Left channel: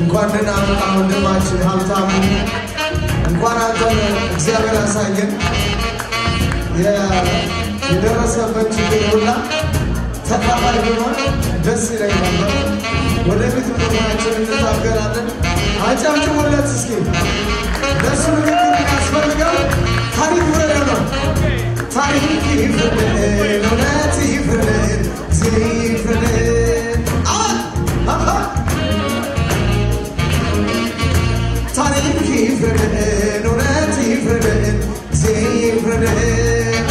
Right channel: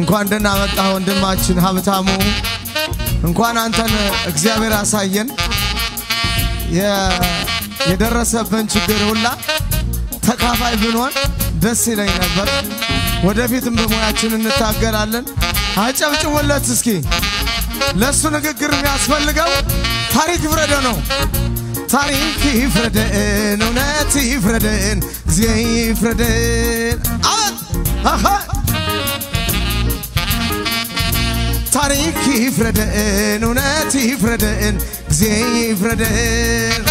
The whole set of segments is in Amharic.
እንኳን ደህና መጣህ ወንድማችን ሀብታሙ እንኳን አንተ እግዚአብሔር አሳየን የደረሰበት ችግር ሁላ ተካፋይ ቢሆን ደስ ይለኝ ነበር ወደፊት ምንሆናችን እንታገላለን አጨብጭቡለት እስኪ ለሱ ንግግር የሚያስፈልገው ታሪክ ወረደ ነው ታሪክ ይፍረደን እውነት ይፍረደን ጊዜ ይፍረደን አሃ ታሪክ ይፍረደን እውነት ይፍረደን ጊዜ ይፍረደን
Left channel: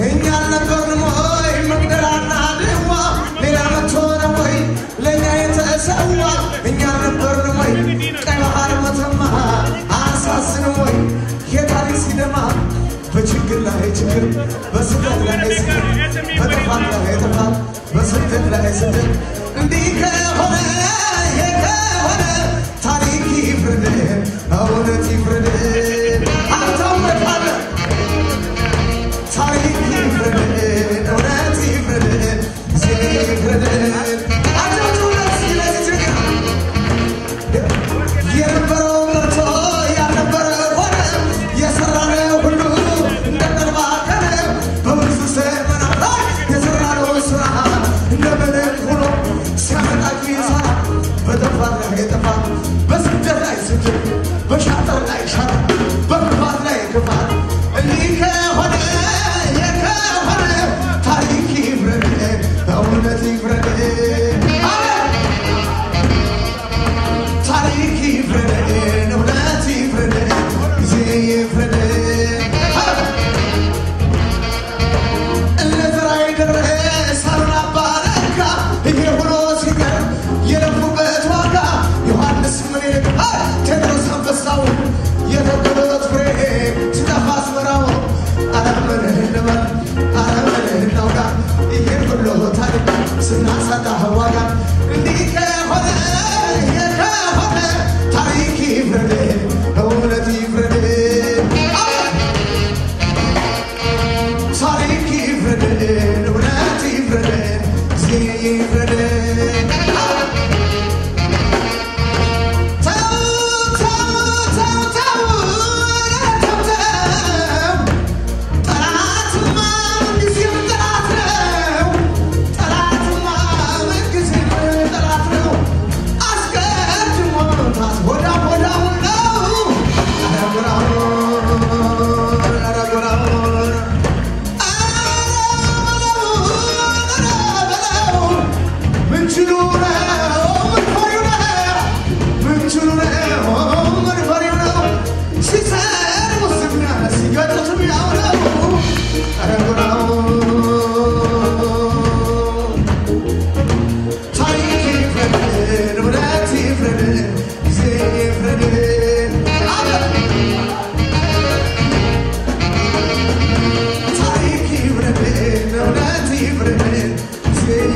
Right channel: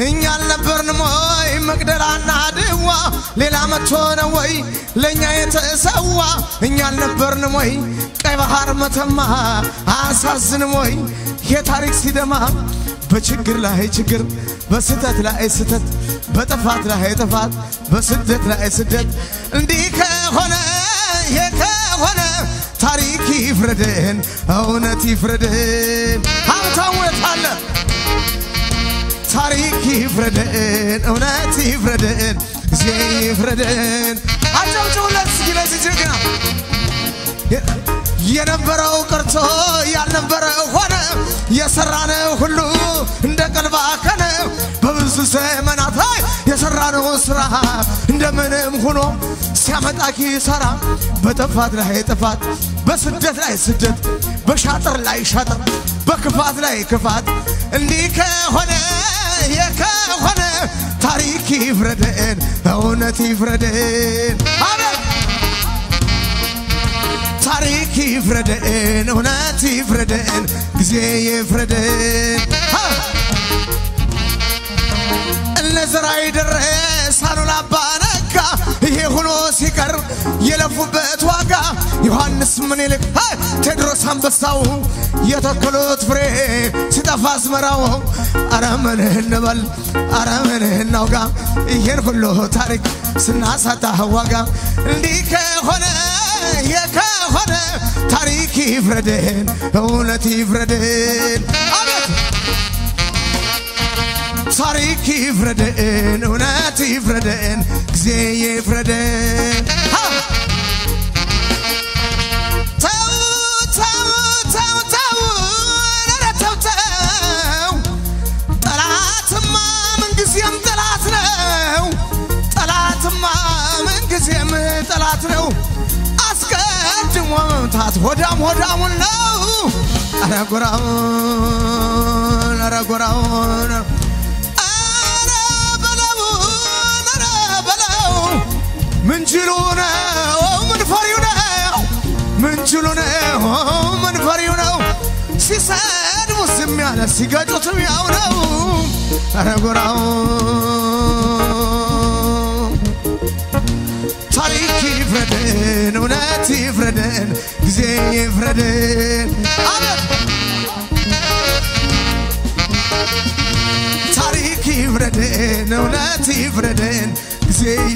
እኛ አልነበርንም ወይ መግደላና ድዋ ሌላ መጥቶ ነው ወይ ለእኛ የተሰዋ እኛ አልነበርንም ወይ ቀይ ባህር መተማ አሳዝንም ወይ የታሪክ ሲደማ በችግር ላይ ችግር በስደት ላይ ስደት በጥፋት ላይ ጥፋት በስደት ላይ ስደት እንዲህ ከሆነ የከሆነ ታሪክ ይፍረደን እውነት ይፍረደን ሀብታውነት አለ ታሪክ ይፍረደን እውነት ይፍረደን ጊዜ ይፍረደን አጨብጭቡለት እስኪ ለዚህ ጀግና የነበረው ቀርቶ ያልነበረ ሆነ የሰራነው ሁሉ እንደ ቀን ባከነ በብዙ ዘመናት ላይ የሰራነው ስራ እንደምንም ሆኖ ሲያመጣ ኪሳራ በጥፋት ላይ ጥፋት በስደት ላይ ስደት በሻጥር ላይ ሻጥር በክፋት ላይ ክፋት እንዲህ ከሆነ የከሆነ ታሪክ ይፍረደን እውነት ይፍረደን ታሪክ ይፍረደን እውነት ይፍረደን ጊዜ ይፍረደን ለዝራይ ድረስ አሉላ ባረካ ይሄ ሆኖ ሲቀርብ የለፉበት ዋጋ ዮሐንስ ምን ይልቅ ቴድሮስ አንበሳው የተከሉት ፍሬ ሲጠፋ አስመራው አረምን እንበል አረምን እናውጋ ይሄን ሁሉ ታሪክ ስናሳጣ ዋጋ እንዲህ ከሆነ የከሆነ ታሪክ ይፍረደን እውነት ይፍረደን ታሪክ ይፍረደን እውነት ይፍረደን ጊዜ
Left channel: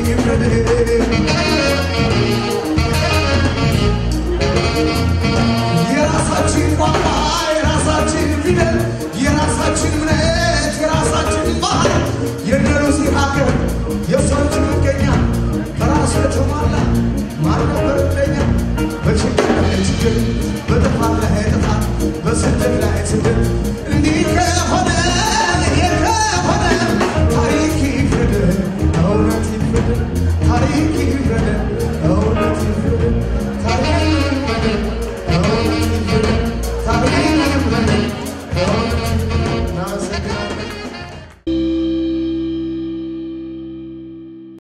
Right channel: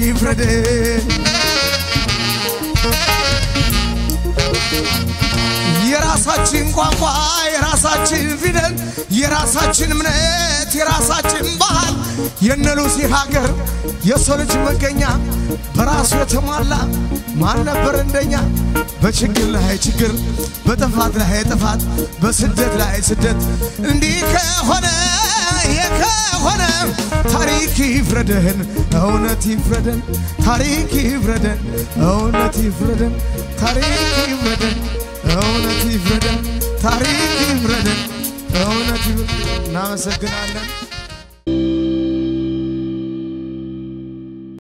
ይፍረደን የራሳችን ቋንቋ የራሳችን ፊደል የራሳችን እምነት የራሳችን ባህል የነሩሲ ሀገር የሰው ልጅ መገኛ በራሱ የተሟላ ማን ነበር እንደኛ በችግር ላይ ችግር በጥፋት ላይ ጥፋት በስደት ላይ ስደት እንዲህ ከሆነ የከሆነ ታሪክ ይፍረደን እውነት ይፍረደን ታሪክ ይፍረደን እውነት ይፍረደን ታሪክ